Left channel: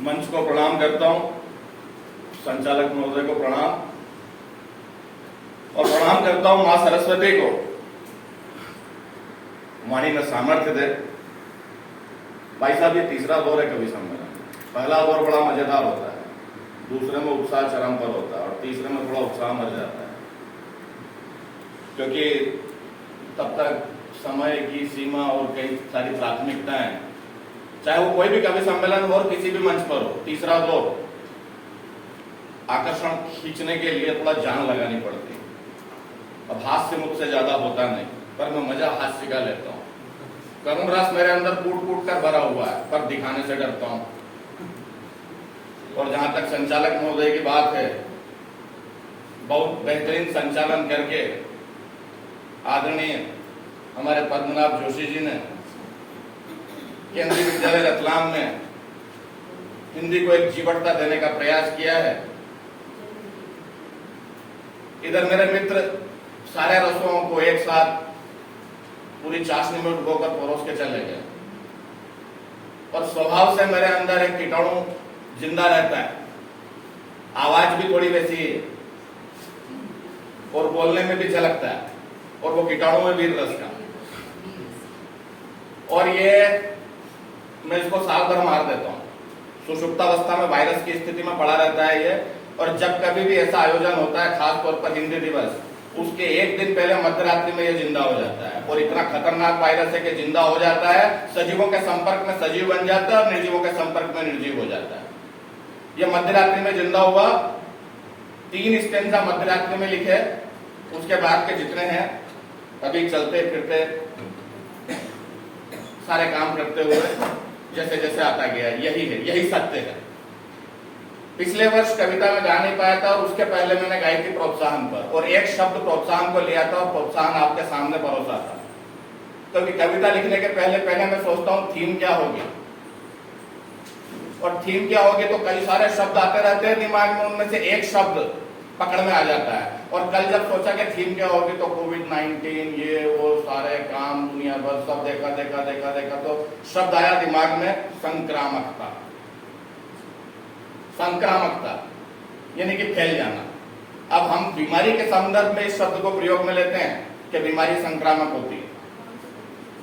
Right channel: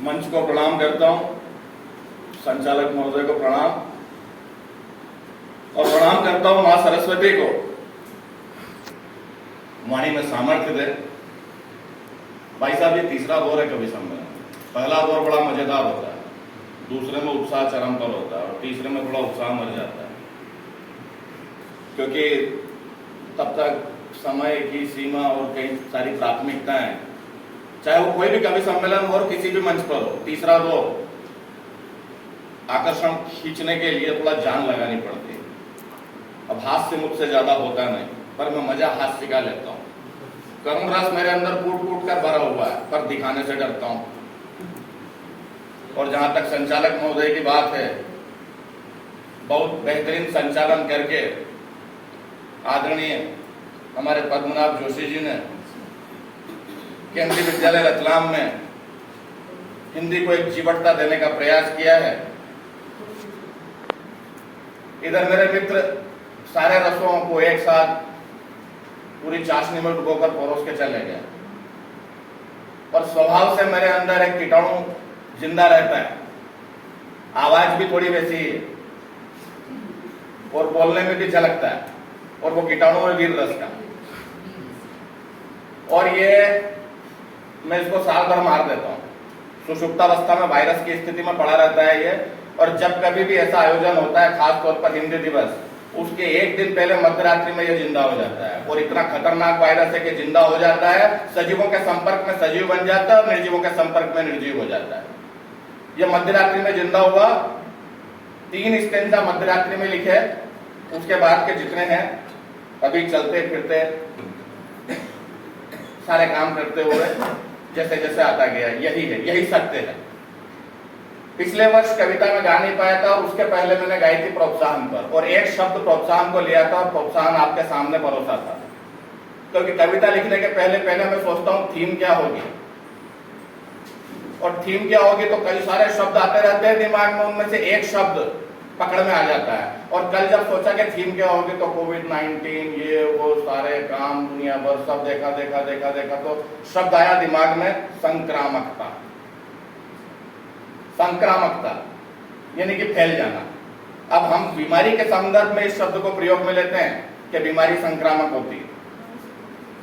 मंच को प्रणाम करता हूं, संचालक महोदय को प्रणाम और प्रणाम करता हूं मां सरस्वती को, वाणी में सामर्थ्य दे। भाई साहब, ये तीसरा दौर है कवि सम्मेलन। पहला दौर बड़ा मजेदार होता है, दूसरे में उत्साह चरम पर होता है और तीसरे में थोड़ा उत्साह मर जाता है, क्योंकि तब तक समय की सीमा और कई सारी प्राथमिकताएं, चाहे वो कोई भी कवि सम्मेलन हो और किसी भी मंच पर हो, तीसरा दौर आकर्षण खींचने के लिए थोड़ा जान लगानी पड़ती है। अब हास्य मुझसे ज्यादा होता नहीं, पर मैं मजा हास्य का लेता हूं। करुण रस मेरे अंदर कूट कूट कर भरा हुआ है, पर दिखाने से डरता हूं। और जहां तक संचालक महोदय की बात है, बहुत बेहतरीन संचालन करके आदरणीय हमारे पद्मनाभ जोशी जी ने केंद्रीय विद्यालय रतलाम में हिंदी को एक जीवटता देने का प्रयास किया है। इधर मेरे मित्र सारे रसों को एक साथ पूरी चाशनी में डुबोकर परोस के चले गए, और स्वभाव से मेरे अंदर एक कीटाणु जिंदा रहता है। आवाज भी थोड़ी वैसी है और बोलने में भी झलकता है, और वो कीटाणु में वीर रस का। और ये मैं इसको साल भर मार देता हूं। सुषुप्तावस्था में वायरस की स्थिति में पड़ा रहता है ये, और जब कभी भी ऐसा आयोजन होता है, खासतौर पर हिंदी दिवस, उसके एक दिन पहले मध्यरात्रि में ये जिंदा हो जाता है। और इतना खतरनाक वायरस है कि जिंदा हो जाता है, सजीवों के संपर्क में सजीव बन जाता है और निर्जीवों के संपर्क में निर्जीव हो जाता है। यह मध्यरात्रि में जिंदा हुआ। 3 स्टेंजा मध्यरात्रि में लिखे, उसके बाद के जितने हैं अभी चलते फिरते सारे काम करते हुए जैसे जैसे आता गया, यही है, यही सत्य है। पिछले वर्ष कविता में गा नहीं पाया था, और उसके पहले मैंने गाई थी प्रोत्साहन पर, और एक शब्द प्रोत्साहन को लिया था और प्रोत्साहन आपके सामने परोसा था। क्योंकि कविता लिखने के पहले मैं सोचता हूं थीम क्या होगी, और थीम क्या होगी तो कई सारे शब्द आते रहते हैं दिमाग में, उनमें से एक शब्द पकड़ में आ जाता है। और कल जब सोचा कि थीम क्या होगी तो कोविड-19, ये वो सारे काम दुनिया भर सब देखा तो शब्द आया दिमाग में, संक्रामकता। संक्रामकता यानी कि फैल जाना। अब हम बीमारी के संदर्भ में इस शब्द को प्रयोग में लेते हैं कि बीमारी संक्रामक होती है।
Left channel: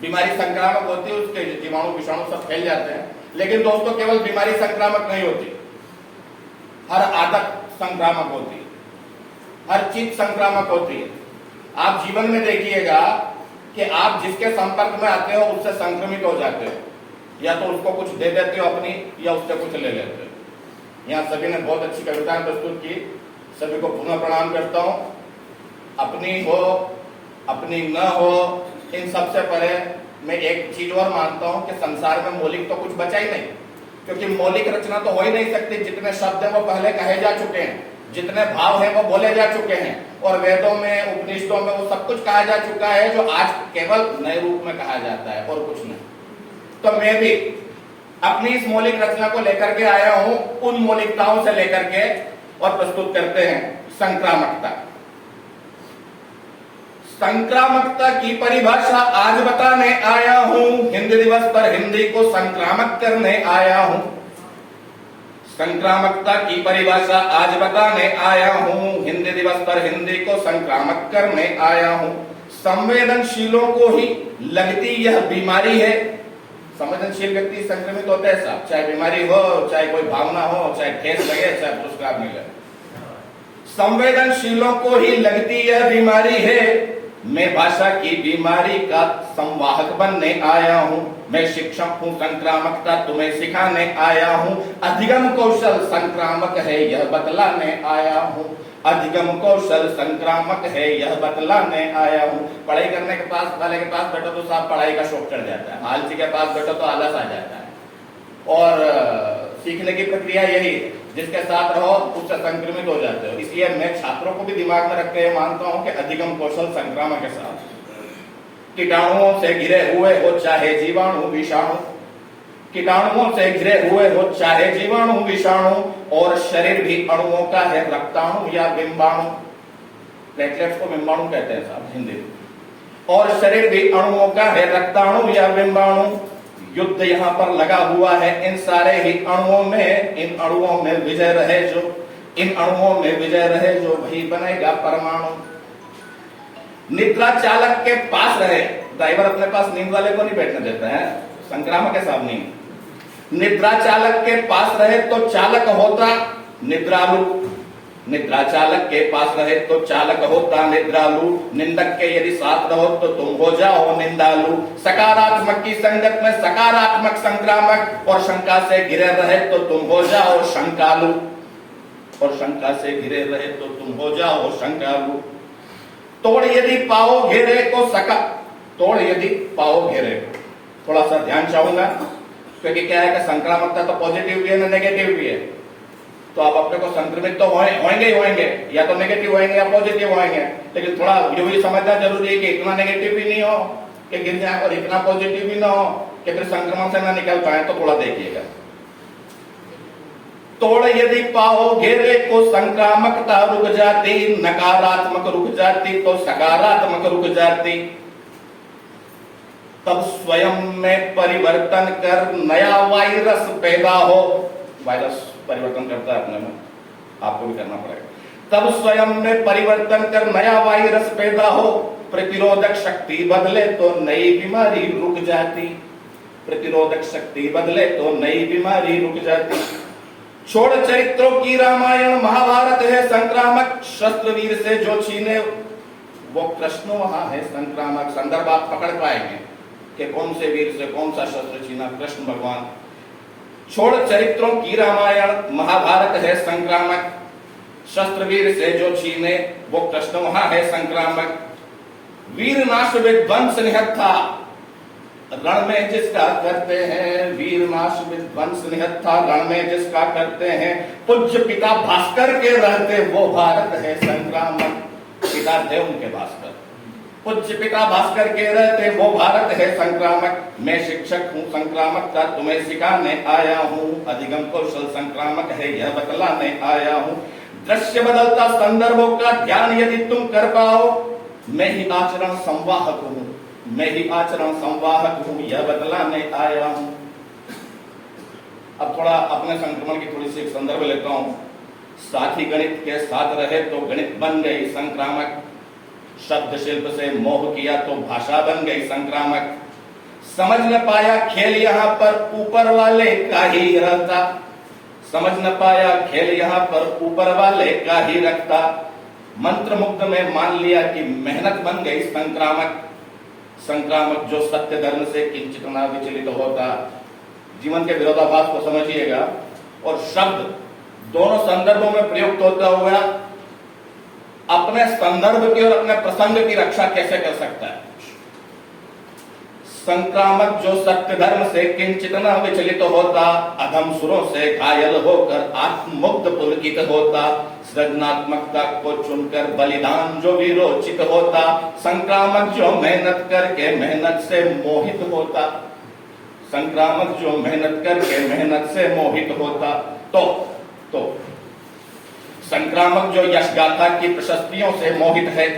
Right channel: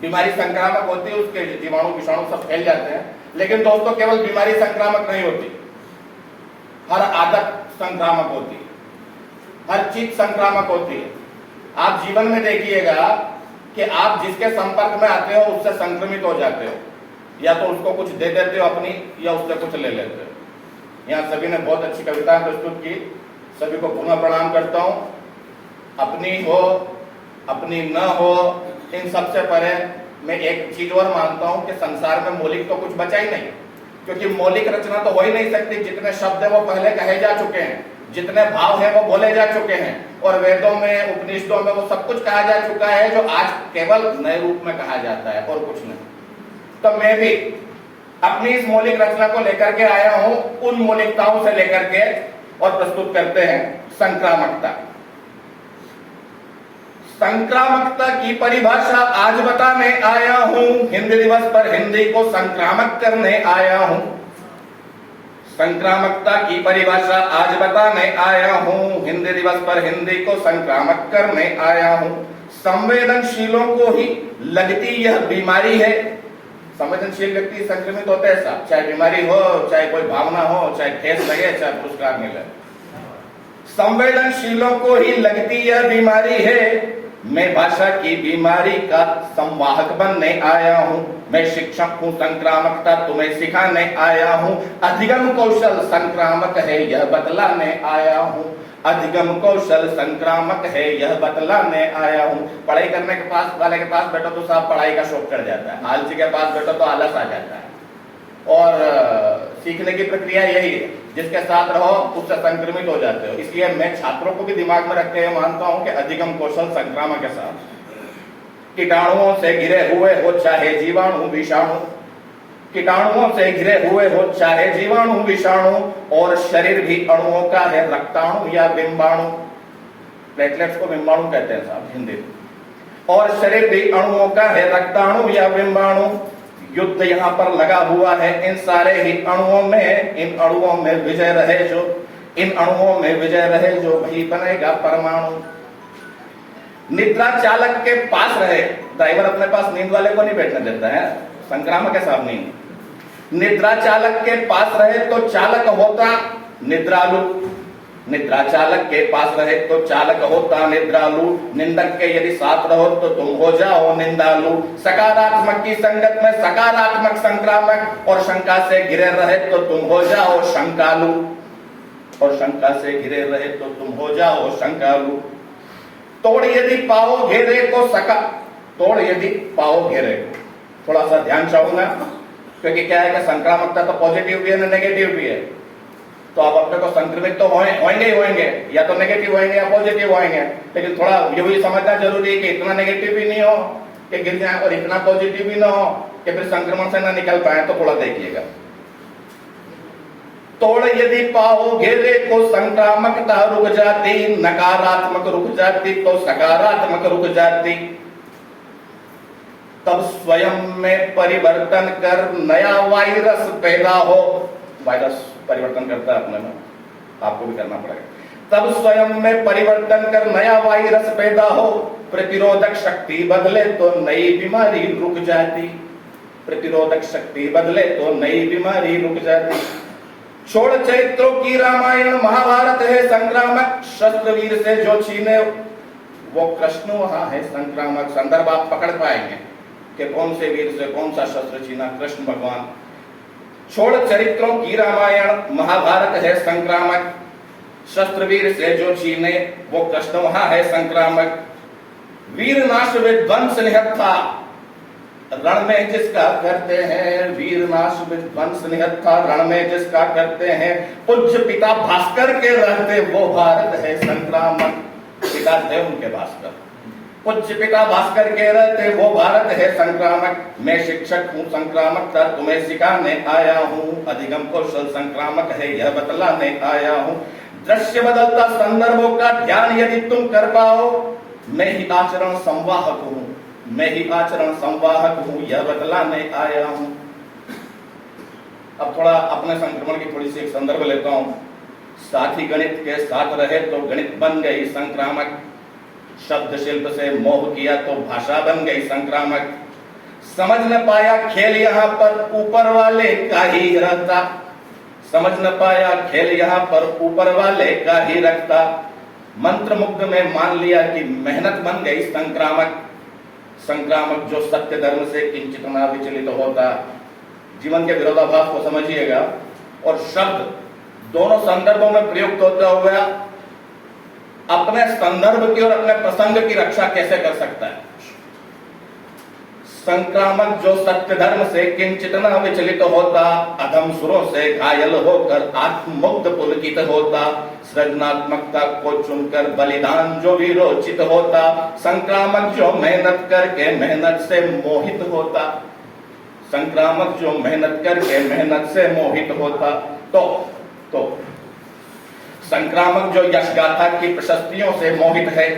बीमारी संक्रामक होती है, उसके जीवाणु विषाणु सब फैल जाते हैं। लेकिन दोस्तों, केवल बीमारी संक्रामक नहीं होती, हर आदत संक्रामक होती है, हर चीज संक्रामक होती है। आप जीवन में देखिएगा कि आप जिसके संपर्क में आते हो उससे संक्रमित हो जाते हो, या तो उसको कुछ दे देते हो अपनी, या उससे कुछ ले लेते हो। यहाँ सभी ने बहुत अच्छी कविताएं प्रस्तुत की, सभी को पुनः प्रणाम करता हूं। अपनी हो अपनी न हो, इन सबसे परे मैं एक चीज और मानता हूं कि संसार में मौलिक तो कुछ बचा ही नहीं, क्योंकि मौलिक रचना तो हो ही नहीं सकती। जितने शब्द है वो पहले कहे जा चुके हैं, जितने भाव है वो बोले जा चुके हैं, और वेदों में उपनिषदों में वो सब कुछ कहा जा चुका है, जो आज केवल नए रूप में कहा जाता है और कुछ नहीं। तो मैं भी अपनी इस मौलिक रचना को लेकर के आया हूं, उन मौलिकताओं से लेकर के, और प्रस्तुत करते हैं संक्रामकता। संक्रामकता की परिभाषा आज बताने आया हूं, हिंदी दिवस पर हिंदी को संक्रामक करने आया हूं। संक्रामकता की परिभाषा आज बताने आया हूं, हिंदी दिवस पर हिंदी को संक्रामक करने आया हूं। संवेदनशीलों को ही लगती यह बीमारी है। संवेदनशील व्यक्ति संक्रमित होते हैं साहब, चाहे बीमारी हो, चाहे कोई भावना हो, चाहे ठेस लगे, चाहे पुरस्कार मिले। संवेदनशीलों को ही लगती यह बीमारी है। मैं भाषा की बीमारी का संवाहक बनने आया हूं। मैं शिक्षक हूं, संक्रामकता तुम्हें सिखाने आया हूं। अधिगम कौशल संक्रामक है, यह बतलाने आया हूं। अधिगम कौशल संक्रामक है, यह बतलाने आया हूं। पढ़ाई करने के पास वाले के पास बैठो तो साहब पढ़ाई का शौक चढ़ जाता है, आलसी के पास बैठो तो आलस आ जाता है। और सीखने की प्रक्रिया यही है, जिसके साथ रहो उससे संक्रमित हो जाते हो। इसलिए मैं छात्रों को भी दिमाग में रखते हुए मानता हूं कि अधिगम कौशल संक्रामक के साथ। कीटाणुओं से घिरे हुए हो चाहे जीवाणु विषाणु, कीटाणुओं से घिरे हुए हो चाहे जीवाणु विषाणु, और शरीर भी अणुओं का है, रक्ताणु या बिंबाणु। प्लेटलेट्स को बिंबाणु कहते हैं साहब हिंदी में। और शरीर भी अणुओं का है, रक्ताणु या बिंबाणु। युद्ध यहाँ पर लगा हुआ है इन सारे ही अणुओं में। इन अणुओं में विजय रहे जो, इन अणुओं में विजय रहे जो, वही बनेगा परमाणु। निद्रा चालक के पास रहे, ड्राइवर अपने पास नींद वाले को नहीं बैठने देता है, संक्रामक के साथ नहीं। निद्रा चालक के पास रहे तो चालक होता निद्रालु, निद्रा चालक के पास रहे तो चालक होता निद्रालु। निंदक के यदि साथ रहो तो तुम हो जाओ निंदालु। सकारात्मक की संगत में सकारात्मक संक्रामक, और शंका से घिरे रहे तो तुम हो जाओ शंकालु, और शंका से घिरे रहे तो तुम हो जाओ शंकालु। तोड़ यदि पाओ घेरे को सका, तोड़ यदि पाओ घेरे को, थोड़ा सा ध्यान चाहूंगा, क्योंकि क्या है कि संक्रामकता तो पॉजिटिव भी है ना नेगेटिव भी है। तो आप अपने को संक्रमित तो होंगे ही होंगे, या तो नेगेटिव होंगे या पॉजिटिव होंगे, लेकिन थोड़ा ये भी समझना जरूरी है कि इतना नेगेटिव भी नहीं हो कि गिर जाए और इतना पॉजिटिव भी ना हो कि फिर संक्रमण से ना निकल पाए। तो थोड़ा देखिएगा। तोड़ यदि पाओ घेरे को संक्रामकता रुक जाती, नकारात्मक रुक जाती तो सकारात्मक रुक जाती। तब स्वयं में परिवर्तन कर नया वायरस पैदा हो। वायरस परिवर्तन करता है अपने में, आपको भी करना पड़ेगा। तब स्वयं में परिवर्तन कर नया वायरस पैदा हो। प्रतिरोधक शक्ति बदले तो नई बीमारी रुक जाती, प्रतिरोधक शक्ति बदले तो नई बीमारी रुक जाती। छोड़ चरित्रों की रामायण महाभारत है संक्रामक, शस्त्र वीर से जो छीने वो कृष्ण वहां है संक्रामक। संदर्भ आप पकड़ पाएंगे कि कौन से वीर से कौन सा शस्त्र छीना, कृष्ण भगवान। छोड़ चरित्रों की रामायण महाभारत है संक्रामक, शस्त्र वीर से जो छीने वो कृष्ण वहां है संक्रामक। वीर नाश विध्वंस निहत्था, रण में जिसका करते हैं, वीर नाश विध्वंस निहत्था, रण में जिसका करते हैं। पूज्य पिता भास्कर के रहते वो भारत है संक्रामक। पिता थे उनके भास्कर, पूज्य पिता भास्कर के रहते वो भारत है संक्रामक। मैं शिक्षक हूँ संक्रामकता तुम्हें सिखाने आया हूँ, अधिगम कौशल संक्रामक है यह बतलाने आया हूँ। दृश्य बदलता संदर्भों का ध्यान यदि तुम कर पाओ, मैं ही आचरण संवाहक हूँ, मैं ही आचरण संवाहक हूँ, यह बतलाने आया हूँ। अब थोड़ा अपने संक्रमण की थोड़ी सी एक संदर्भ लेता हूँ। साथी गणित के साथ रहे तो गणित बन गई संक्रामक। शब्द शिल्प से मोह किया तो भाषा बन गई संक्रामक। समझ न पाया खेल यहाँ पर ऊपर वाले का ही रहता, समझ न पाया खेल यहाँ पर ऊपर वाले का ही रखता। मंत्र मुग्ध में मान लिया कि मेहनत बन गई संक्रामक। संक्रामक जो सत्य धर्म से किंचित न विचलित होता। जीवन के विरोधाभास को समझिएगा। और शब्द दोनों संदर्भों में प्रयुक्त होता हुआ अपने संदर्भ की और अपने प्रसंग की रक्षा कैसे कर सकता है। संक्रामक जो सत्य धर्म से किंचित न विचलित होता, अधम सुरों से घायल होकर आत्ममुग्ध पुलकित होता। सृजनात्मकता को चुनकर बलिदान जो विरोचित होता। संक्रामक जो मेहनत करके मेहनत से मोहित होता, संक्रामक जो मेहनत करके मेहनत से मोहित होता। तो संक्रामक जो यशगाथा की प्रशस्तियों से मोहित है,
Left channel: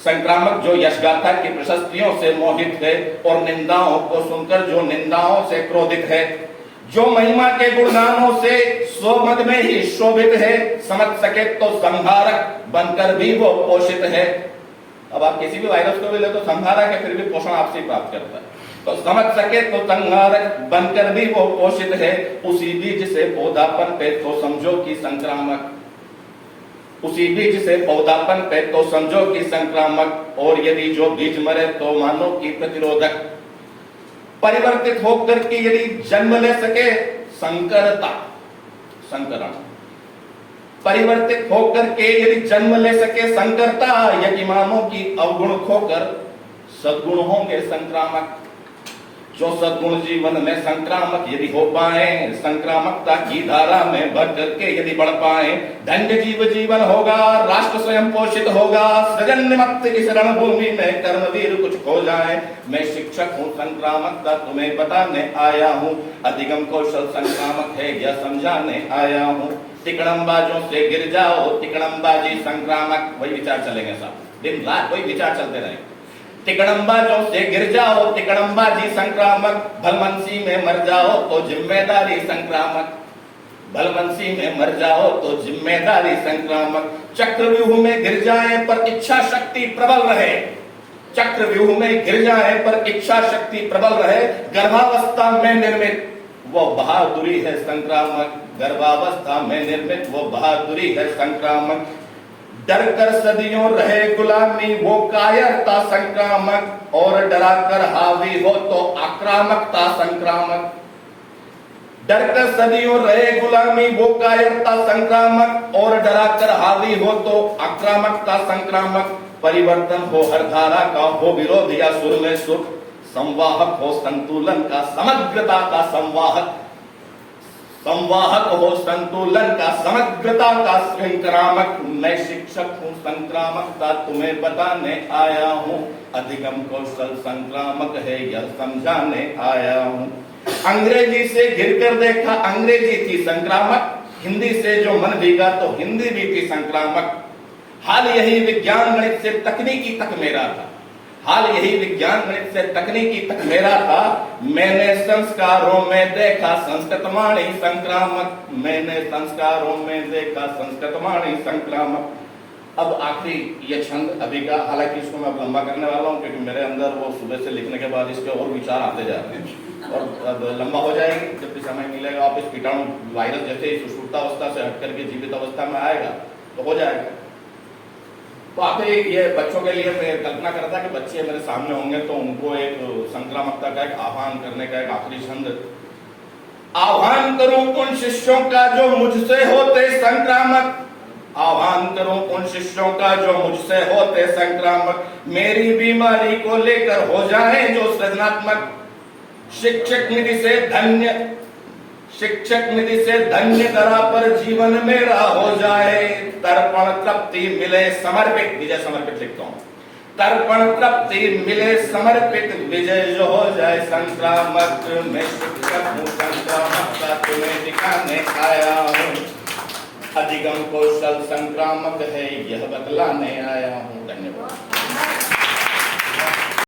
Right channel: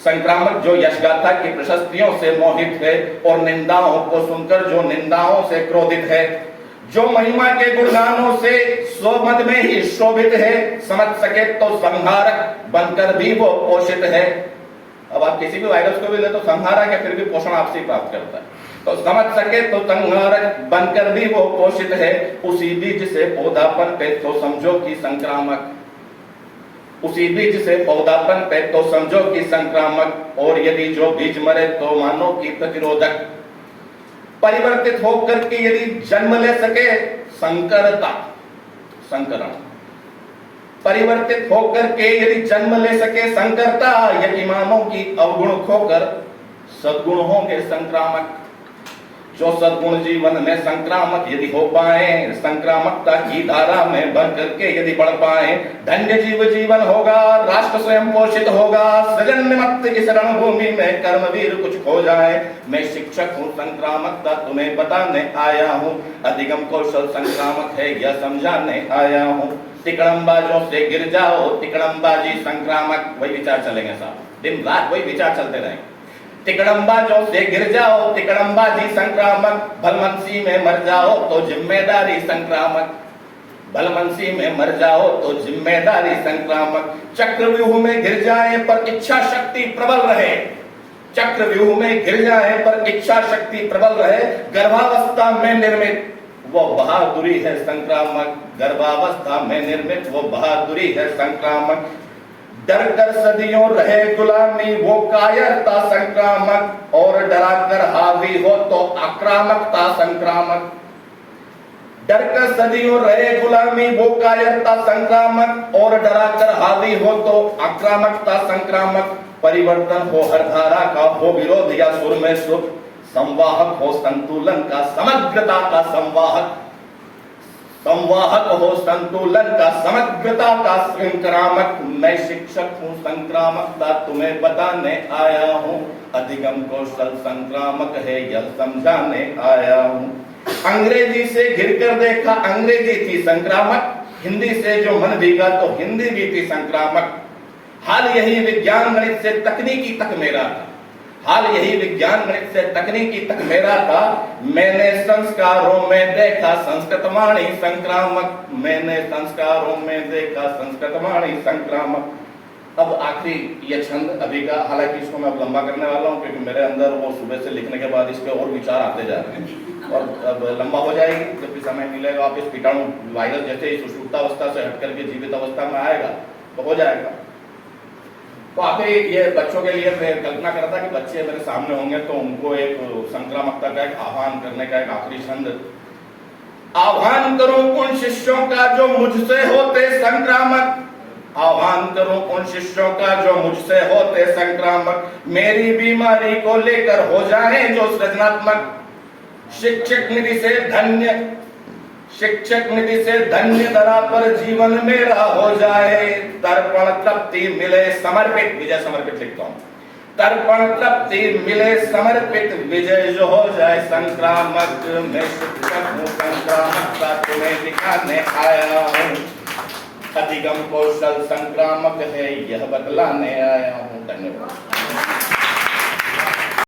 संक्रामक जो यशगाथा की प्रशस्तियों से मोहित है। और निंदाओं को सुनकर जो निंदाओं से क्रोधित है। जो महिमा के गुणगानों से स्वमद में ही शोभित है। समझ सके तो संहारक बनकर भी वो पोषित है। अब आप किसी भी वायरस को भी ले तो संहारक है, फिर भी पोषण आपसे प्राप्त करता है। तो समझ सके तो संहारक बनकर भी वो पोषित है। उसी बीज से पौधापन पे तो समझो कि संक्रामक, उसी बीज से पौधापन पे तो समझो कि संक्रामक। और यदि जो बीज मरे तो मानो कि प्रतिरोधक। परिवर्तित होकर के यदि जन्म ले सके संकरता, संकरण। परिवर्तित होकर के यदि जन्म ले सके संकरता। यतिमानों की अवगुण खोकर सद्गुण होंगे संक्रामक। जो सद्गुण जीवन में संक्रामक यदि हो पाए, संक्रामकता की धारा में भर करके यदि बढ़ पाए, धन्य जीव जीवन होगा, राष्ट्र स्वयं पोषित होगा। सृजन निमित्त इस रणभूमि में कर्मवीर कुछ खो जाए। मैं शिक्षक हूँ संक्रामकता तुम्हें बताने आया हूँ, अधिगम कौशल संक्रामक है यह समझाने आया हूँ। तिकड़मबाजों से गिर जाओ, तिकड़मबाजी संक्रामक। वही विचार चलेंगे साहब, दिन रात वही विचार चलते रहेंगे। तिकड़मबाजों से गिर जाओ, तिकड़मबाजी संक्रामक, भलमनसी में मर जाओ तो जिम्मेदारी संक्रामक, भलमनसी में मर जाओ तो जिम्मेदारी संक्रामक। चक्रव्यूह में गिर जाए पर इच्छा शक्ति प्रबल रहे, चक्रव्यूह में गिर जाए पर इच्छा शक्ति प्रबल रहे, गर्भावस्था में निर्मित वो बहादुरी है संक्रामक, गर्भावस्था में निर्मित वो बहादुरी है संक्रामक। डर कर सदियों रहे गुलामी वो कायरता संक्रामक, और डरा कर हावी हो तो आक्रामकता संक्रामक। डर कर सदियों रहे गुलामी वो कायरता संक्रामक, और डरा कर हावी हो तो आक्रामकता संक्रामक। परिवर्तन हो हर धारा का, हो विरोध या सुर में सुख, संवाहक हो संतुलन का, समग्रता का संवाहक, संवाहक हो संतुलन का, समग्रता का संक्रामक। मैं शिक्षक हूँ, संक्रामकता तुम्हें बताने आया हूँ, अधिगम कौशल संक्रामक है यह समझाने आया हूँ। अंग्रेजी से घिरकर देखा, अंग्रेजी थी संक्रामक, हिंदी से जो मन भीगा तो हिंदी भी थी संक्रामक। हाल यही विज्ञान गणित से तकनीकी तक मेरा था, हाल यही विज्ञान गणित से तकनीकी तक मेरा था। मैंने संस्कारों में देखा संस्कृत वाणी संक्रामक, मैंने संस्कारों में देखा संस्कृत वाणी संक्रामक। अब आखिरी ये छंद अभी का, हालांकि इसको मैं अब लंबा करने वाला हूँ क्योंकि मेरे अंदर वो सुबह से लिखने के बाद इसके और विचार आते जा रहे हैं और अब लंबा हो जाएगी। जब भी समय मिलेगा वापिस कीटाणु वायरस जैसे ही सुषुप्तावस्था से हटकर के जीवित अवस्था में आएगा तो हो जाएगा। तो आखिर ये बच्चों के लिए मैं कल्पना करता कि बच्चे मेरे सामने होंगे तो उनको एक संक्रामकता का एक आह्वान करने का एक आखिरी छंद। आह्वान करूं उन शिष्यों का जो मुझसे होते संक्रामक, आह्वान करूं उन शिष्यों का जो मुझसे होते संक्रामक, मेरी बीमारी को लेकर हो जाए जो सृजनात्मक। शिक्षक निधि से धन्य, शिक्षक निधि से धन्य धरा पर जीवन मेरा हो जाए, तर्पण तृप्ति मिले समर्पित, विजय समर्पित लिखता हूं, तर्पण तृप्ति मिले समर्पित, विजय जो हो जाए संक्रामक। मैं शिक्षक हूँ, संक्रामकता तुम्हें दिखाने आया हूँ, अधिगम कौशल संक्रामक है यह बतलाने आया हूँ। धन्यवाद।